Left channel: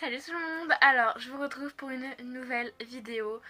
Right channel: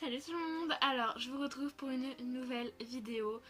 Salut tout le monde. Alors je vous retrouve pour une nouvelle vidéo.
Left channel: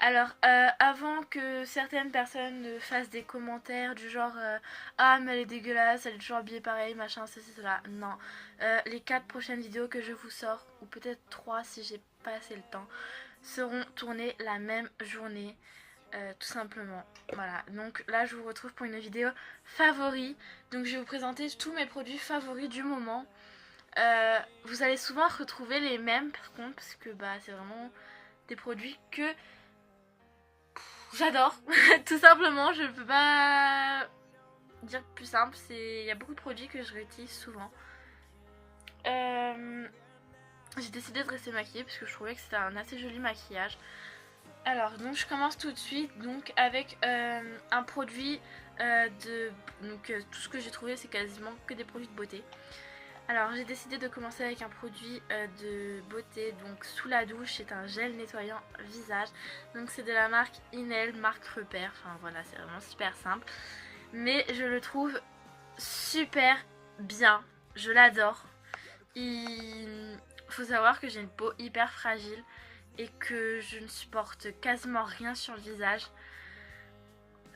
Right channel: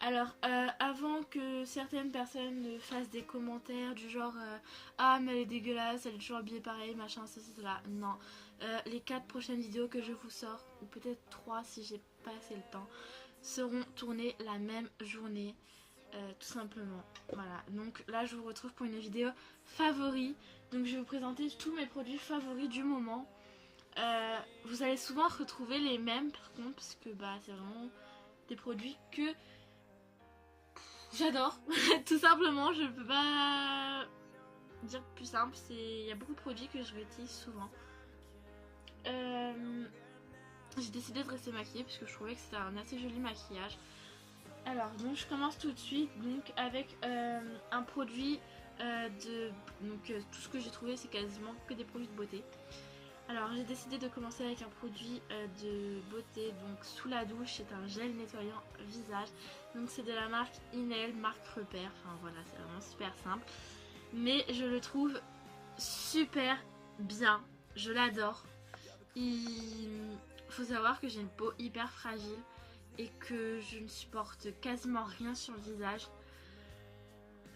Alors avant que certaines personnes ne fassent des commentaires du genre ah mais elle est dégueulasse, elle est toujours habillée pareil, machin, ceci, cela. Non. Les 4 prochaines vidéos que je vous sors, ou peut-être 3 si j'ai pas assez le temps, seront tournées la même journée. Tout simplement. Voilà. Donc là je vous retrouve pour une vidéo favori. Donc je vais vous présenter tous mes produits favoris du moment. Vous allez souvent retrouver les mêmes par contre parce que bah c'est vraiment des produits que j'adore. Tout simplement, je ne peux pas dire plus simple. Il y a beaucoup de produits que je réutilise souvent. J'ai décidé de rester maquillée parce que je trouvais que c'était un assez joli maquillage. Alors donc je commence tout de suite donc avec un produit tout ce que j'ai trouvé c'est quasiment que des produits de beauté. Alors j'ai décidé de commencer avec un produit de beauté, donc sous la douche, c'est un gel nettoyant visage. Donc c'est de la marque Inel, marque repère, enfin voilà c'est vraiment super simple. Mais je le trouve super bien, je l'adore. Il faut savoir que j'ai une peau hyper fragile et que je ne supporte quasiment rien sur le visage.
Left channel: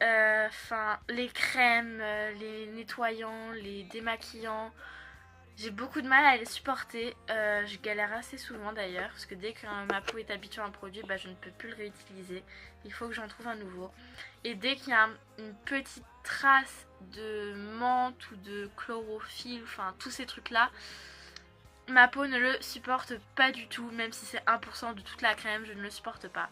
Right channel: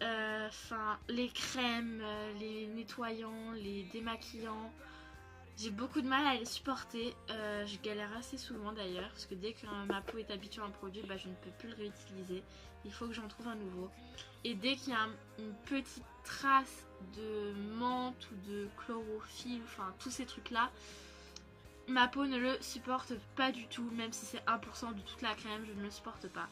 Enfin les crèmes, les nettoyants, les démaquillants. J'ai beaucoup de mal à les supporter, je galère assez souvent d'ailleurs, parce que dès que ma peau est habituée à un produit, bah, je ne peux plus le réutiliser, il faut que j'en trouve un nouveau. Et dès qu'il y a une petite trace de menthe ou de chlorophylle, enfin tous ces trucs là, ma peau ne le supporte pas du tout, même si c'est 1% de toute la crème, je ne le supporte pas.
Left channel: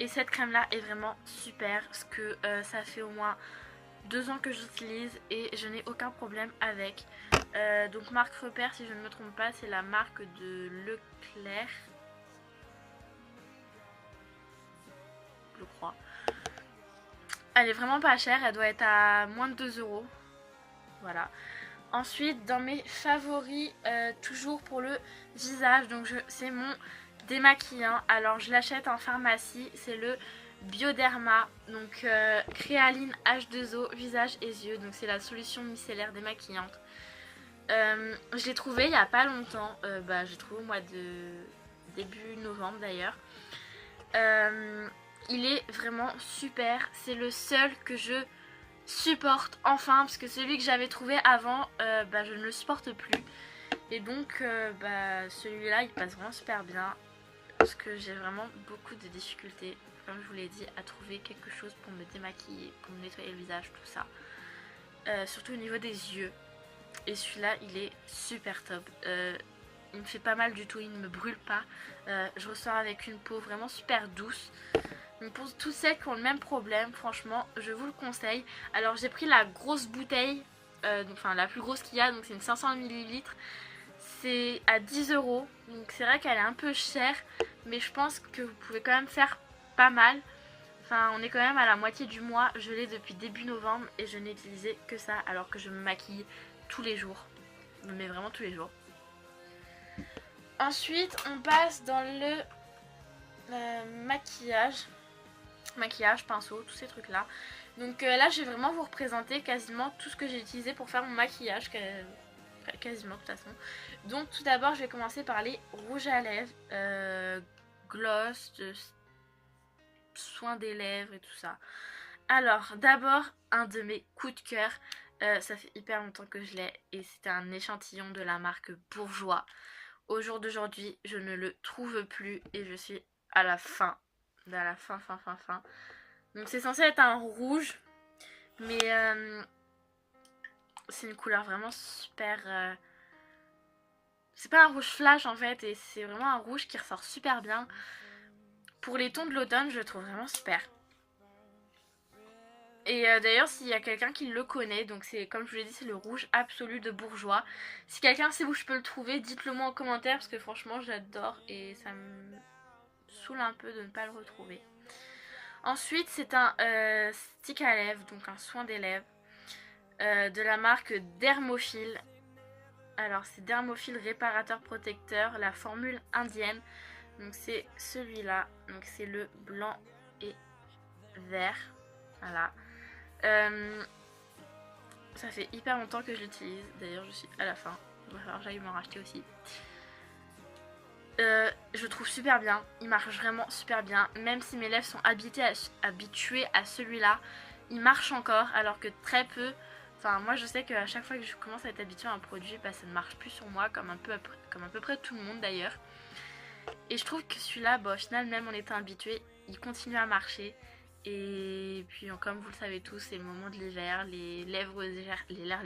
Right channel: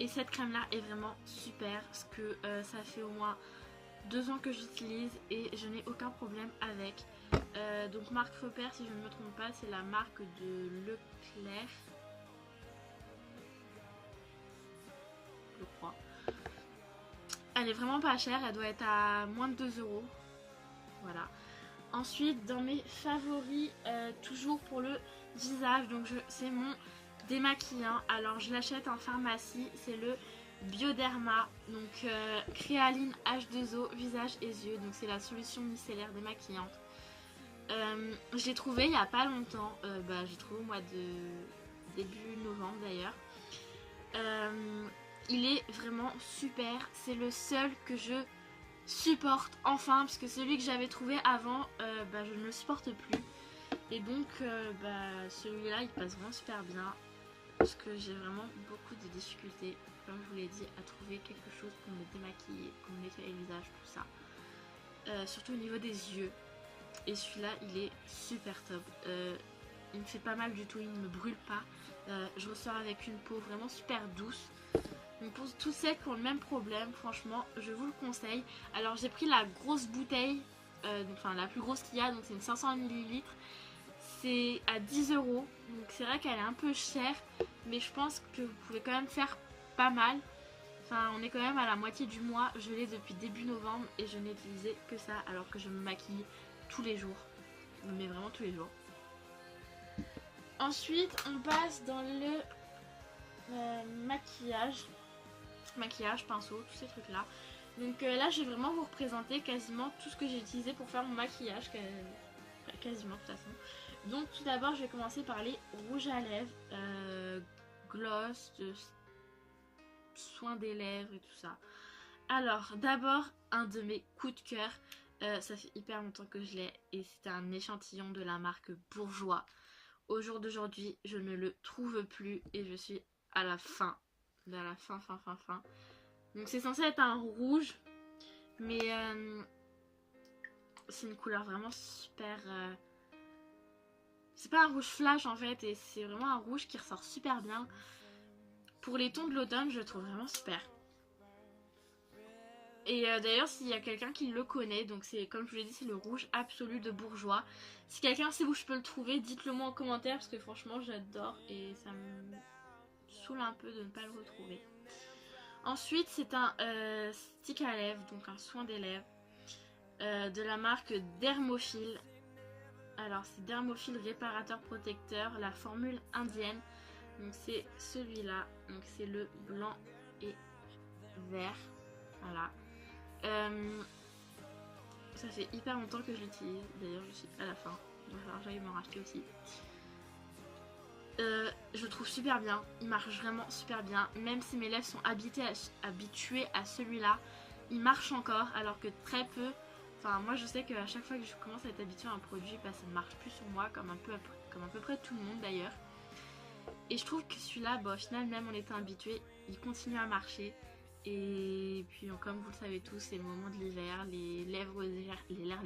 Et cette crème là est vraiment super, parce que ça fait au moins 2 ans que j'utilise et je n'ai aucun problème avec. Donc marque repère si je ne me trompe pas, c'est la marque de Leclerc, je crois. Elle est vraiment pas chère, elle doit être à moins de 2 euros. Voilà. Ensuite dans mes favoris, toujours pour le visage, donc c'est mon démaquillant. Alors je l'achète en pharmacie, c'est le Bioderma, donc créaline H2O visage et yeux, donc c'est la solution micellaire démaquillante. Je l'ai trouvé il y a pas longtemps, j'ai trouvé au mois de début novembre d'ailleurs. Il est vraiment super, c'est le seul que je supporte enfin, parce que celui que j'avais trouvé avant, je ne le supporte plus. Et donc celui-là il passe vraiment super bien, parce que j'ai vraiment beaucoup de difficultés, comme je vous l'ai dit, à trouver quelque chose pour me démaquiller, pour me nettoyer le visage, tout ça. Surtout au niveau des yeux. Et celui-là il est super top, il me fait pas mal du tout, il ne me brûle pas, je ressors avec une peau vraiment super douce. Donc pour tous ceux qui ont le même problème, franchement je vous le conseille. Alors j'ai pris la grosse bouteille, enfin la plus grosse qu'il y a, donc c'est une 500 ml. C'est à 10 euros, donc c'est vrai qu'elle est un peu chère, mais je pense que vous pouvez quand même faire pas mal. Enfin, on est quand même à la moitié du mois, je l'ai depuis début novembre et je n'ai utilisé que ça alors que je me maquille tous les jours. Mais vraiment tous les jours. Ensuite, on passe dans le maquillage, pinceau, tous ces trucs là. Donc là, je vais vraiment vous représenter quasiment tout ce que j'ai utilisé pour faire mon maquillage, quasiment de toute façon. Donc tout d'abord, je vais commencer par les rouges à lèvres, gloss, soin des lèvres et tout ça. Alors d'abord, un de mes coups de cœur, ça fait hyper longtemps que je l'ai et c'était un échantillon de la marque Bourjois. Au jour d'aujourd'hui, je ne le trouve plus et je suis à la fin. À la fin. Donc c'est censé être un rouge, mais c'est une couleur vraiment super... C'est pas un rouge flash en fait, et c'est vraiment un rouge qui ressort super bien. Pour les tons de l'automne, je le trouve vraiment super. Et d'ailleurs, s'il y a quelqu'un qui le connaît, donc c'est comme je vous l'ai dit, c'est le rouge absolu de Bourjois. Si quelqu'un sait où je peux le trouver, dites-le moi en commentaire parce que franchement, j'adore et ça me saoule un peu de ne pas le retrouver. Ensuite, c'est un stick à lèvres, donc un soin des lèvres de la marque Dermophile. Alors, c'est Dermophile réparateur protecteur, la formule indienne. Donc, c'est celui-là. Donc, c'est le blanc et vert. Voilà. Ça fait hyper longtemps que je l'utilise. D'ailleurs, je suis à la fin. Il va falloir que j'aille m'en racheter aussi. je le trouve super bien, il marche vraiment super bien, même si mes lèvres sont habituées à celui-là, il marche encore alors que très peu. Enfin moi je sais qu'à chaque fois que je commence à être habituée à un produit, bah, ça ne marche plus sur moi comme à peu près tout le monde d'ailleurs. Et je trouve que celui-là, bah, au final même en étant habitué, il continue à marcher. Et puis comme vous le savez tous, c'est le moment de l'hiver, les lèvres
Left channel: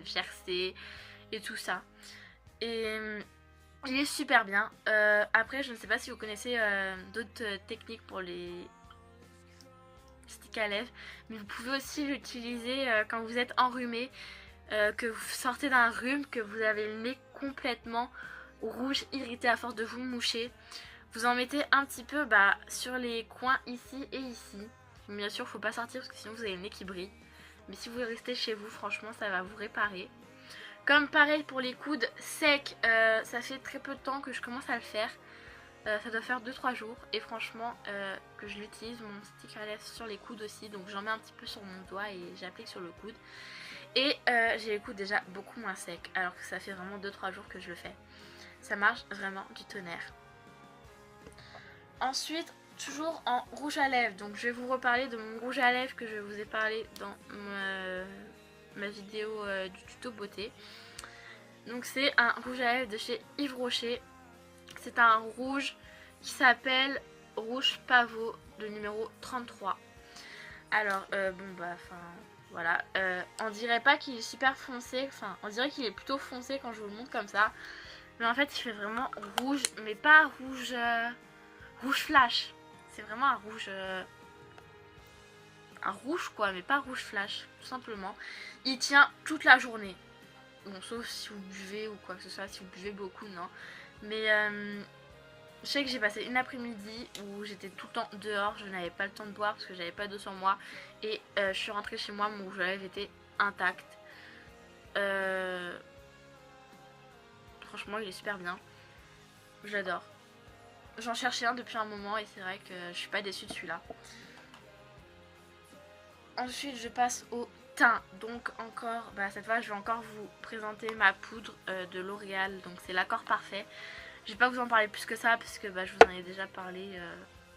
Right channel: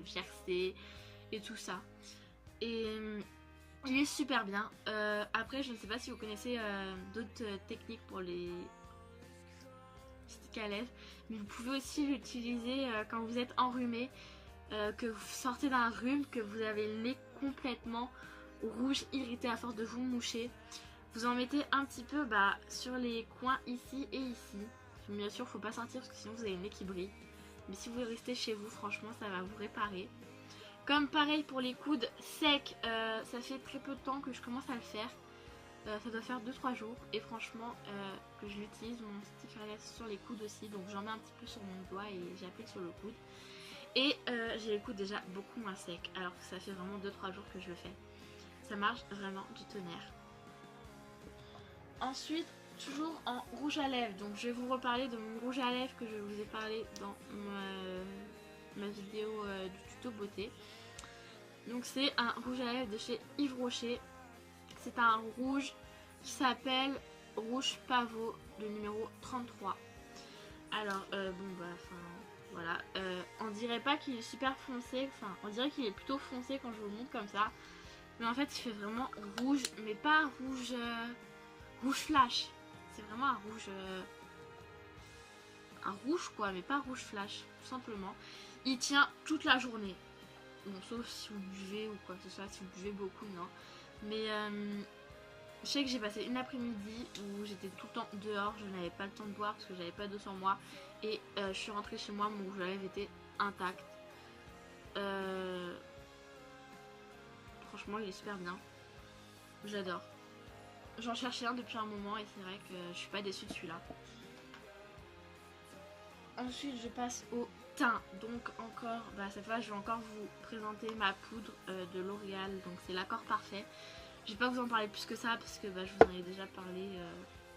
gercées et tout ça. Et il est super bien. Après, je ne sais pas si vous connaissez d'autres techniques pour les sticks à lèvres, mais vous pouvez aussi l'utiliser quand vous êtes enrhumé, que vous sortez d'un rhume, que vous avez le nez complètement rouge, irrité à force de vous moucher. Vous en mettez un petit peu sur les coins ici et ici. Bien sûr, faut pas sortir parce que sinon vous avez le nez qui brille. Mais si vous restez chez vous, franchement, ça va vous réparer. Comme pareil pour les coudes secs, ça fait très peu de temps que je commence à le faire. Ça doit faire 2-3 jours. Et franchement, que je l'utilise, mon stick à lèvres sur les coudes aussi. Donc j'en mets un petit peu sur mon doigt et j'applique sur le coude. Et j'ai les coudes déjà beaucoup moins secs. Alors que ça fait vraiment 2-3 jours que je le fais. Ça marche vraiment du tonnerre. Ensuite, toujours en rouge à lèvres. Donc je vais vous reparler de mon rouge à lèvres que je vous ai parlé dans ma vidéo du tuto beauté. Donc c'est un rouge à lèvres de chez Yves Rocher. C'est un rouge qui s'appelle Rouge Pavot, le numéro 33. Alors voilà, on dirait pas qu'il est super foncé, enfin on dirait qu'il est plutôt foncé quand je vous le montre comme ça. Mais en fait il fait vraiment rouge, mais pas rouge rouge flash. C'est vraiment un rouge quoi, mais pas rouge flash, tout simplement. Il tient toute la journée. Bon, sauf si vous buvez ou quoi que ce soit, si vous buvez beaucoup, non. Mais je sais que j'ai passé une après-midi où j'étais tout le temps dehors, je n'avais pas le temps de boire parce que j'avais pas d'eau sur moi. Et je suis rentrée chez moi, mon rouge à lèvres était intact. Franchement, il est super bien. J'adore. J'en cherchais un depuis un moment et c'est vrai que je suis pas déçue de celui-là. Ensuite, je passe au teint. Donc encore, cette fois, je vais encore vous présenter ma poudre de L'Oréal. Donc c'est l'accord parfait. Je vais pas vous en parler plus que ça parce que je vous en ai déjà parlé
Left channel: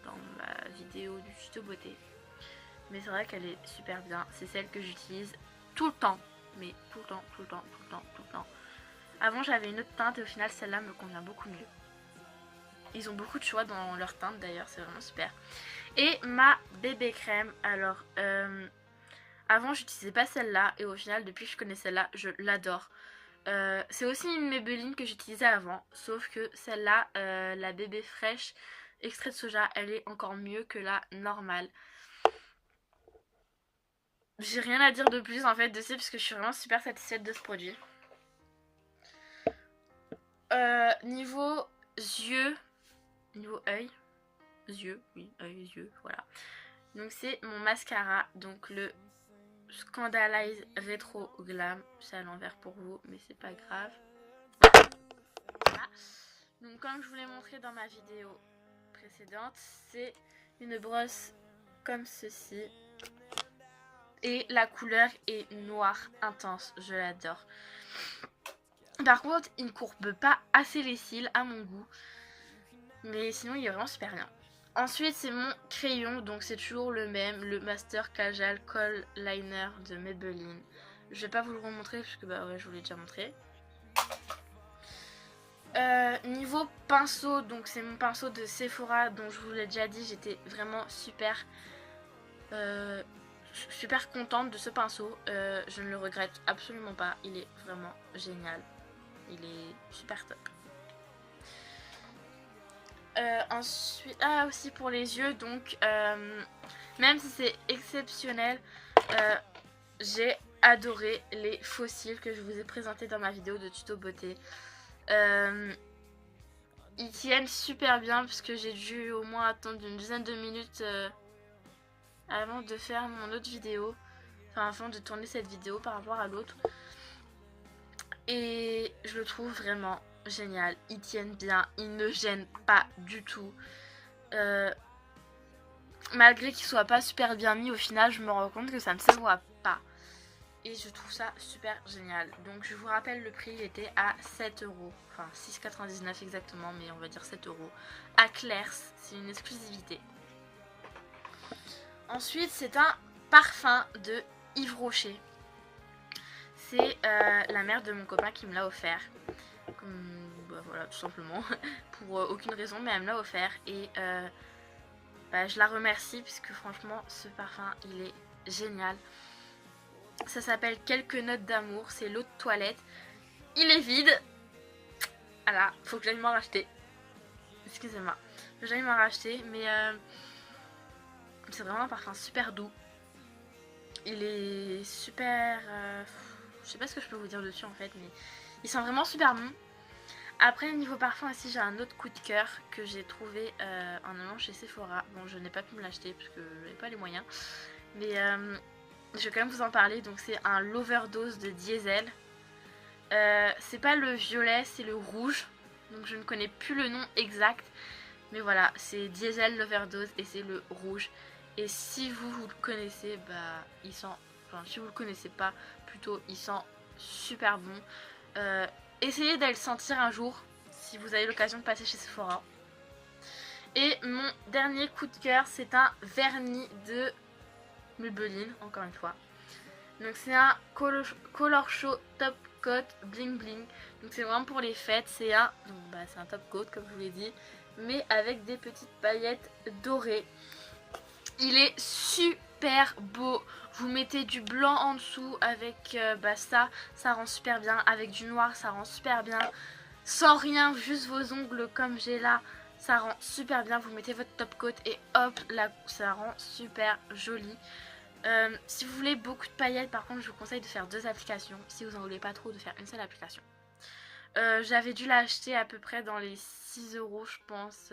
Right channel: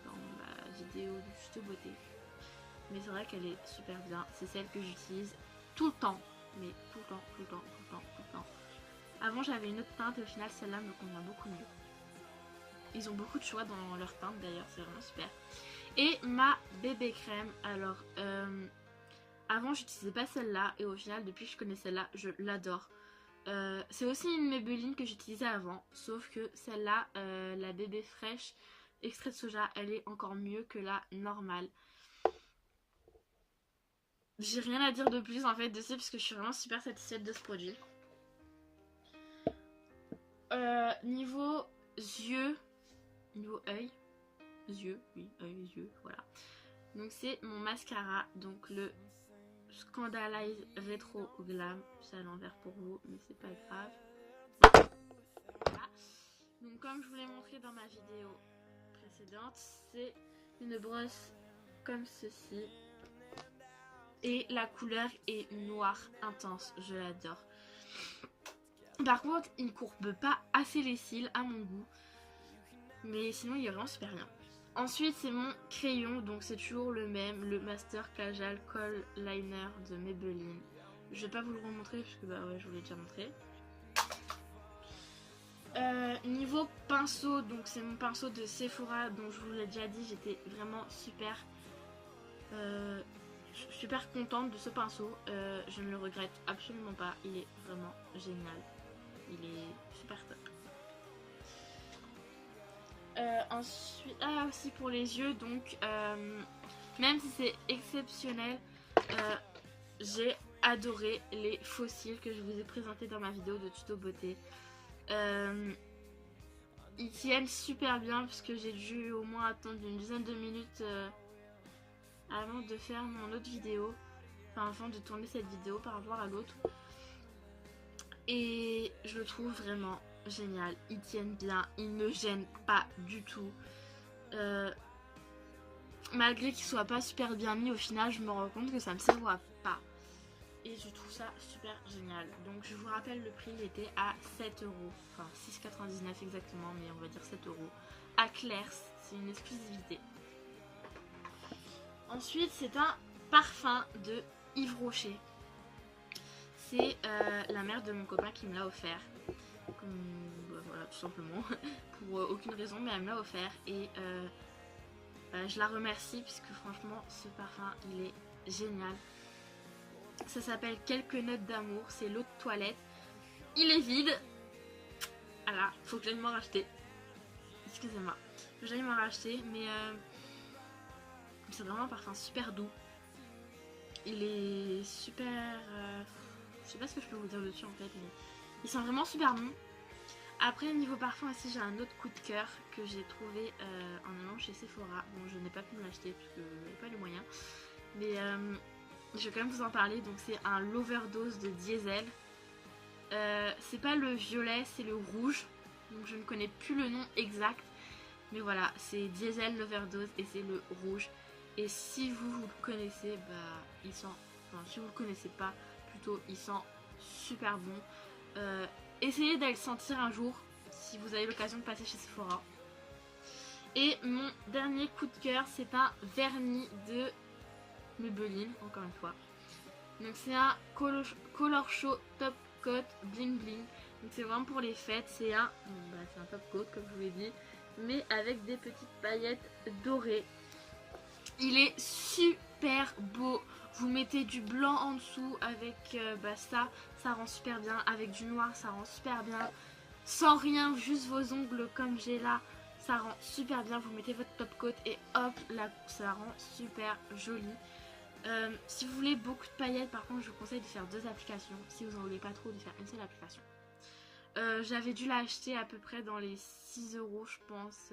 dans ma vidéo du tuto beauté. Mais c'est vrai qu'elle est super bien. C'est celle que j'utilise tout le temps. Mais tout le temps, tout le temps, tout le temps, tout le temps. Avant j'avais une autre teinte et au final celle-là me convient beaucoup mieux. Ils ont beaucoup de choix dans leur teinte d'ailleurs, c'est vraiment super. Et ma bébé crème, alors avant j'utilisais pas celle-là et au final depuis que je connais celle-là, je l'adore. C'est aussi une Maybelline que j'utilisais avant, sauf que celle-là, la bébé fraîche extrait de soja, elle est encore mieux que la normale. J'ai rien à dire de plus en fait dessus parce que je suis vraiment super satisfaite de ce produit. Niveau yeux, niveau œil, yeux, oui, œil, yeux, voilà. Donc c'est mon mascara, donc le Scandalize Retro Glam. C'est à l'envers pour vous, mais c'est pas grave. Voilà. Donc comme je vous l'ai montré dans ma vidéo précédente, c'est une brosse comme ceci. Et la couleur est noire intense, je l'adore. Par contre, il ne courbe pas assez les cils à mon goût. Mais sinon, il est vraiment super bien. Ensuite, c'est mon crayon, donc c'est toujours le même, le Master Kajal Kohl Liner de Maybelline. Je vais pas vous le remontrer parce que je vous l'ai déjà montré. Niveau pinceau, donc c'est mon pinceau de Sephora, dont je vous l'ai déjà dit, j'étais vraiment super contente de ce pinceau. Je ne le regrette absolument pas, il est vraiment génial. Il est super top. Ensuite, aussi pour les yeux, donc même si c'est exceptionnel, j'ai adoré les fossiles que je vous ai présentés dans ma vidéo de tuto beauté. Ils tiennent super bien parce que j'ai dû au moins attendre une dizaine de minutes avant de faire mon autre vidéo, enfin avant de tourner cette vidéo par rapport à l'autre. Et je le trouve vraiment génial, ils tiennent bien, ils ne gênent pas du tout. Malgré qu'ils soient pas super bien mis, au final je me rends compte que ça ne se voit pas. et je trouve ça super génial. Donc je vous rappelle le prix, il était à 7 euros, enfin 6,99 exactement, mais on va dire 7 euros à Claire's, c'est une exclusivité. Ensuite c'est un parfum de Yves Rocher. C'est la mère de mon copain qui me l'a offert. Bah voilà, tout simplement. Pour aucune raison, mais elle me l'a offert. Et bah, je la remercie puisque franchement, ce parfum, il est génial. Ça s'appelle Quelques notes d'amour. C'est l'eau de toilette. Il est vide. Voilà, faut que j'aille m'en racheter. Excusez-moi. Faut que j'aille m'en racheter. Mais c'est vraiment un parfum super doux. Il est super... je sais pas ce que je peux vous dire dessus en fait, mais il sent vraiment super bon. Après niveau parfum aussi j'ai un autre coup de cœur que j'ai trouvé en allant chez Sephora. Bon je n'ai pas pu me l'acheter parce que j'avais pas les moyens. Mais je vais quand même vous en parler. Donc c'est un l'overdose de Diesel. C'est pas le violet, c'est le rouge. Donc je ne connais plus le nom exact. Mais voilà, c'est Diesel l'overdose et c'est le rouge. Et si vous le connaissez, bah il sent... Enfin si vous le connaissez pas, plutôt il sent super bon. Essayez d'aller le sentir un jour si vous avez l'occasion de passer chez Sephora. Et mon dernier coup de cœur, c'est un vernis de Maybelline, encore une fois. Donc c'est un Color Show Top Coat Bling Bling. Donc c'est vraiment pour les fêtes. C'est un top coat comme je vous l'ai dit, mais avec des petites paillettes dorées. Il est super beau. Vous mettez du blanc en dessous avec ça rend super bien. Avec du noir, ça rend super bien. Sans rien, juste vos ongles comme j'ai là, ça rend super bien. Vous mettez votre top coat et hop, là, ça rend super joli. Si vous voulez beaucoup de paillettes, par contre, je vous conseille de faire 2 applications. Si vous en voulez pas trop, de faire une seule application. J'avais dû l'acheter à peu près dans les 6 euros, je pense,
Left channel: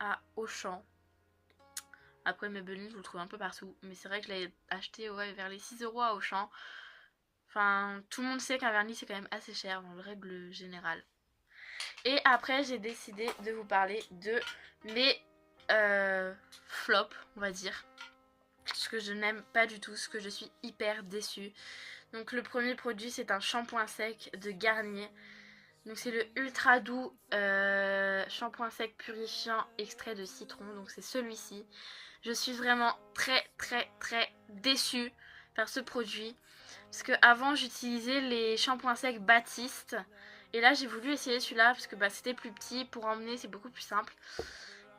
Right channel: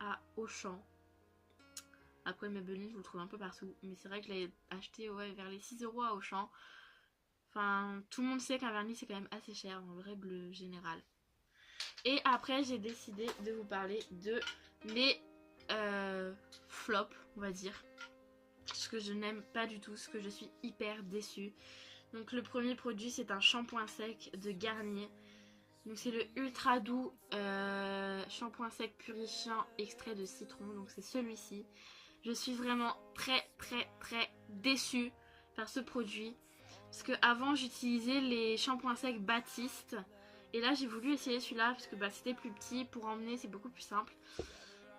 à Auchan. Après Maybelline, vous le trouvez un peu partout. Mais c'est vrai que je l'avais acheté vers les 6 euros à Auchan. Enfin, tout le monde sait qu'un vernis, c'est quand même assez cher dans le règle générale. Et après, j'ai décidé de vous parler de mes flops, on va dire. Ce que je n'aime pas du tout, ce que je suis hyper déçue. Donc le premier produit, c'est un shampoing sec de Garnier. Donc c'est le ultra doux shampoing sec purifiant extrait de citron. Donc c'est celui-ci. Je suis vraiment très déçue par ce produit. Parce que avant j'utilisais les shampoings secs Baptiste. Et là j'ai voulu essayer celui-là parce que c'était plus petit. Pour emmener c'est beaucoup plus simple.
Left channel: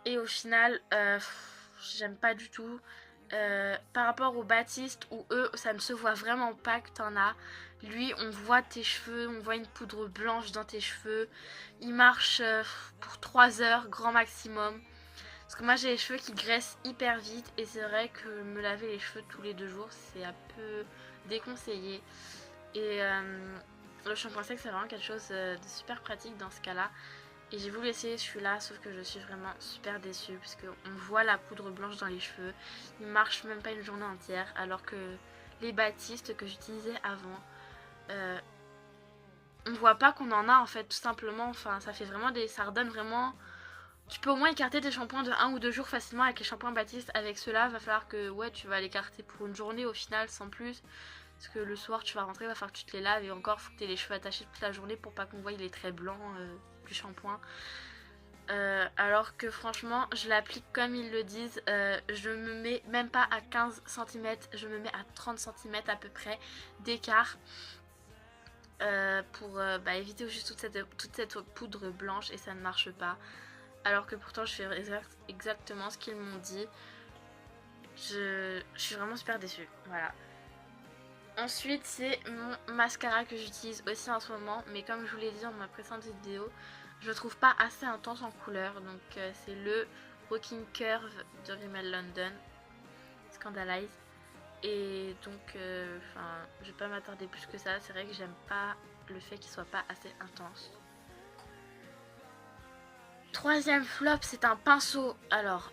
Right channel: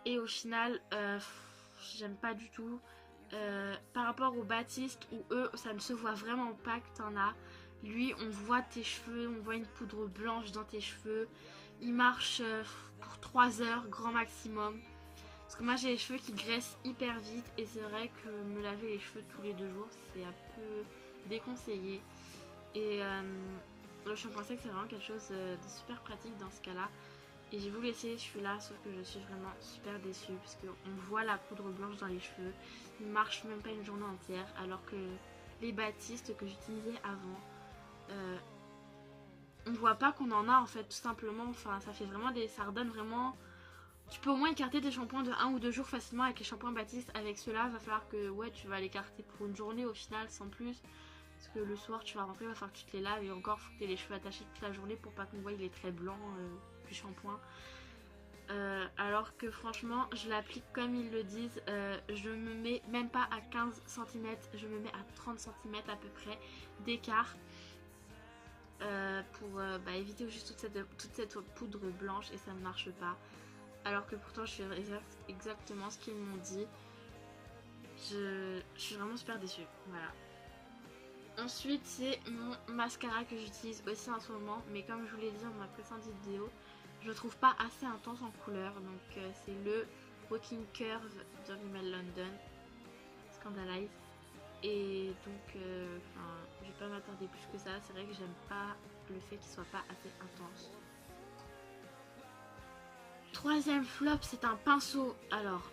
Et au final j'aime pas du tout. Par rapport au Baptiste où eux ça ne se voit vraiment pas que t'en as. Lui on voit tes cheveux, on voit une poudre blanche dans tes cheveux. Il marche pour 3 heures grand maximum. Parce que moi j'ai les cheveux qui graissent hyper vite. Et c'est vrai que me laver les cheveux tous les 2 jours c'est un peu déconseillé. Et le shampoing sec c'est vraiment quelque chose de super pratique dans ce cas là. Et j'ai voulu essayer celui-là, sauf que je suis vraiment super déçue parce qu'on voit la poudre blanche dans les cheveux. Il marche même pas une journée entière, alors que les Baptistes que j'utilisais avant, on voit pas qu'on en a en fait, tout simplement. Enfin, ça fait vraiment ça redonne vraiment... Tu peux au moins écarter tes shampoings de 1 ou 2 jours facilement avec les shampoings Baptiste. Avec ceux-là, il va falloir que tu vas l'écarter pour une journée au final, sans plus. Parce que le soir, tu vas rentrer, il va falloir que tu te les laves. Et encore, il faut que tu aies les cheveux attachés toute la journée pour pas qu'on voie les traits blancs du shampoing. Alors que franchement, je l'applique comme ils le disent. Je me mets même pas à 15 cm, je me mets à 30 cm à peu près d'écart. Pour éviter juste toute cette poudre blanche et ça ne marche pas. Alors que pourtant, je fais exactement ce qu'ils m'ont dit. Je suis vraiment super déçue. Voilà. Ensuite, c'est mon mascara que j'utilise aussi en ce moment. Mais comme je vous l'ai dit dans ma précédente vidéo, je le trouve pas assez intense en couleur. Donc c'est le Walking Curve de Rimmel London. Scandalize. Et donc, je vais pas m'attarder plus que ça. C'est vrai que j'aime pas le fait qu'il soit pas assez intense. Troisième flop, c'est un pinceau. Alors,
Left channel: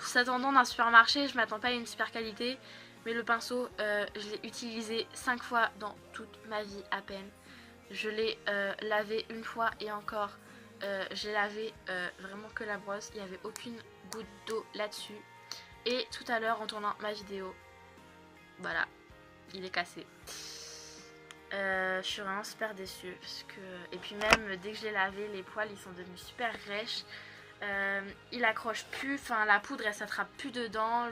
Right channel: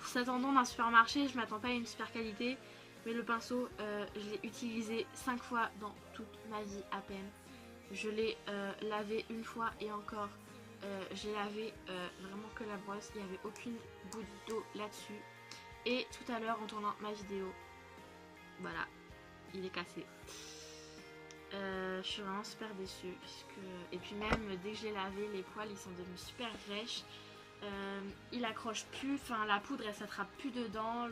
s'attendant d'un supermarché, je m'attends pas à une super qualité. Mais le pinceau, je l'ai utilisé 5 fois dans toute ma vie à peine. Je l'ai lavé une fois et encore, j'ai lavé vraiment que la brosse. Il n'y avait aucune goutte d'eau là-dessus. Et tout à l'heure, en tournant ma vidéo, voilà, il est cassé. Je suis vraiment super déçue parce que... Et puis même dès que j'ai lavé, les poils ils sont devenus super rêches. Il accroche plus, enfin la poudre elle s'attrape plus dedans,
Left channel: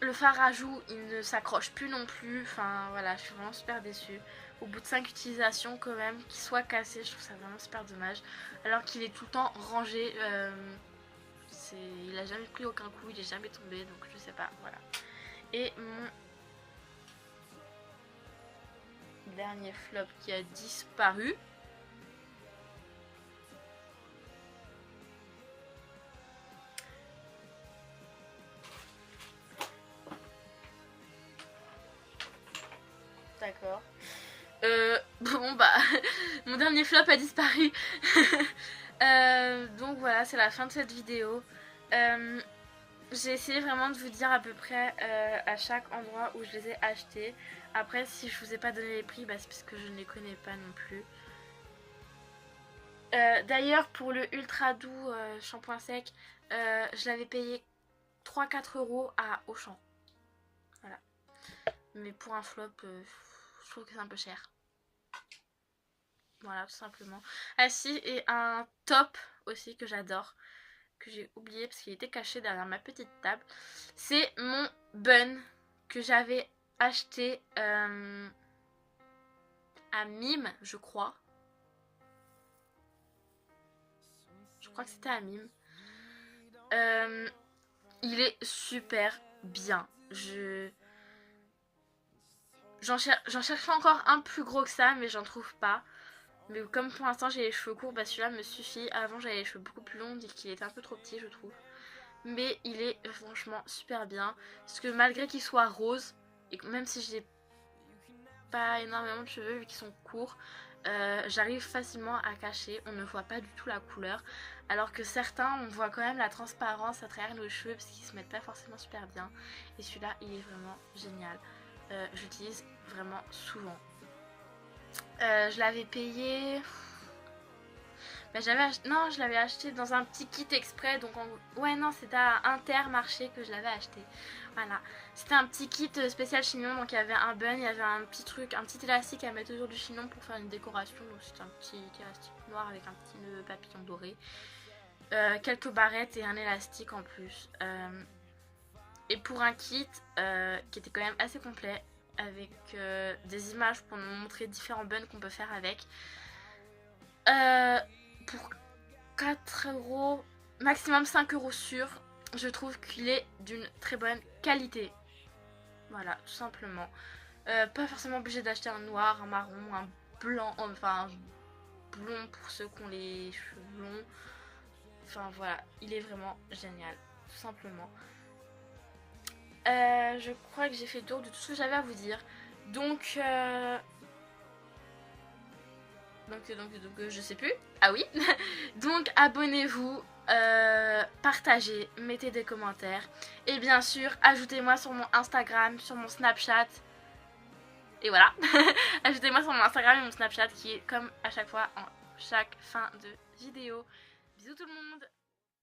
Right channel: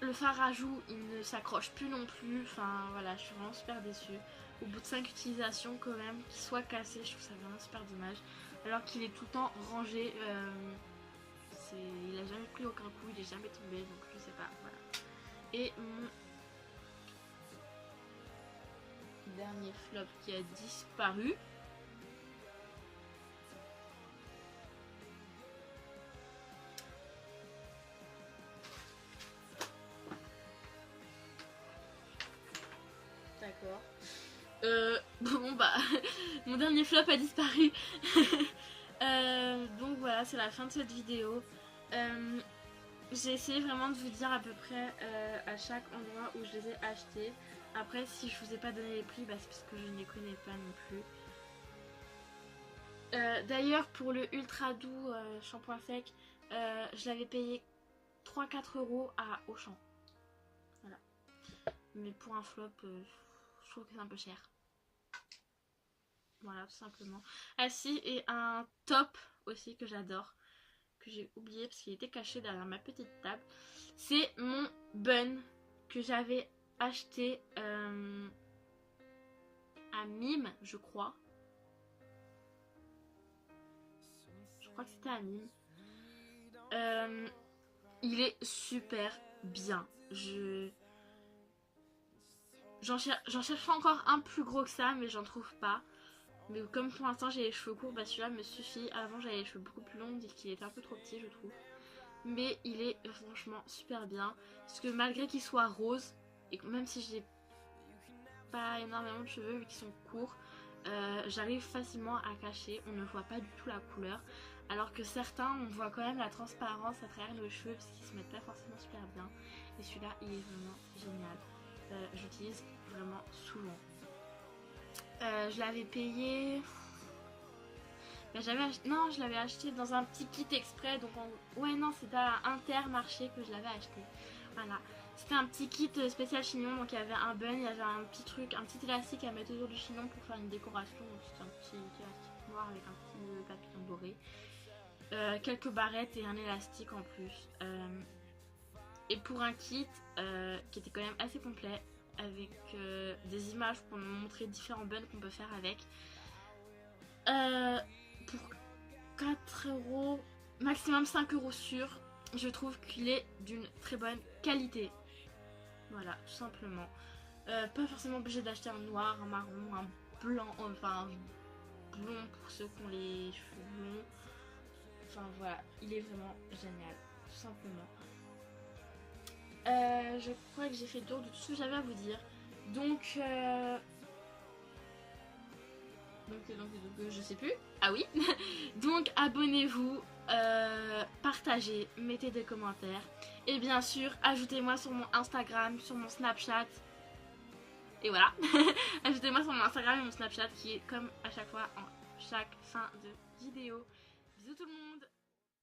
le fard à joues il ne s'accroche plus non plus, enfin voilà, je suis vraiment super déçue. Au bout de 5 utilisations quand même, qu'il soit cassé, je trouve ça vraiment super dommage. Alors qu'il est tout le temps rangé, il a jamais pris aucun coup, il est jamais tombé, donc je sais pas, voilà. Et mon dernier flop qui a disparu. D'accord. Bon bah, mon dernier flop a disparu. Donc voilà, c'est la fin de cette vidéo. J'ai essayé vraiment de vous dire à peu près à chaque endroit où je les ai achetés. Après, si je vous ai pas donné les prix, bah, c'est parce que je ne les connais pas non plus. D'ailleurs, pour le ultra doux shampoing sec, je l'avais payé 3-4 € à Auchan. Voilà. Mais pour un flop, je trouve que c'est un peu cher. Voilà, tout simplement. Ah si, et un top aussi que j'adore, que j'ai oublié parce qu'il était caché derrière ma petite table. C'est mon bun que j'avais acheté à Mime, je crois. Je crois que c'était à Mime. Il est super bien. J'en cherche encore un plus gros que ça, mais j'en trouve pas. Mais comme pour l'instant j'ai les cheveux courts, bah celui-là me suffit. Avant j'avais les cheveux beaucoup plus longs et qu'il était un peu trop petit, je trouve. Mais il est franchement super bien. Parce que malgré qu'il soit rose, et même si j'ai pas énormément de cheveux vu qu'ils sont courts, j'arrive facilement à cacher. On ne voit pas du tout la couleur. Alors que certains, on voit quand même la transparence à travers nos cheveux parce qu'ils se mettent pas forcément super bien. Et celui-là, il est vraiment génial. J'utilise vraiment souvent. Je l'avais payé... Ben, non, je l'avais acheté dans un petit kit exprès. Donc ouais, non, c'était à Intermarché que je l'avais acheté. Voilà. C'était un petit kit spécial chignon. Donc il y avait un bun, il y avait un petit truc, un petit élastique à mettre autour du chignon pour faire une décoration. Donc c'était un petit élastique noir avec un petit nœud papillon doré. Quelques barrettes et un élastique en plus. Et pour un kit qui était quand même assez complet, avec des images pour nous montrer différents buns qu'on peut faire avec. Pour 4 €, maximum 5 € sûr, je trouve qu'il est d'une très bonne qualité. Voilà, tout simplement. Pas forcément obligé d'acheter un noir, un marron, un blanc, enfin un blond pour ceux qui ont les cheveux blonds. Enfin voilà, il est vraiment génial, tout simplement. Je crois que j'ai fait le tour de tout ce que j'avais à vous dire. Donc je sais plus. Ah oui. Donc abonnez-vous, partagez, mettez des commentaires. Et bien sûr, ajoutez-moi sur mon Instagram, sur mon Snapchat. Et voilà. Ajoutez-moi sur mon Instagram et mon Snapchat qui est comme à chaque fois en chaque fin de vidéo. Bisous tout le monde.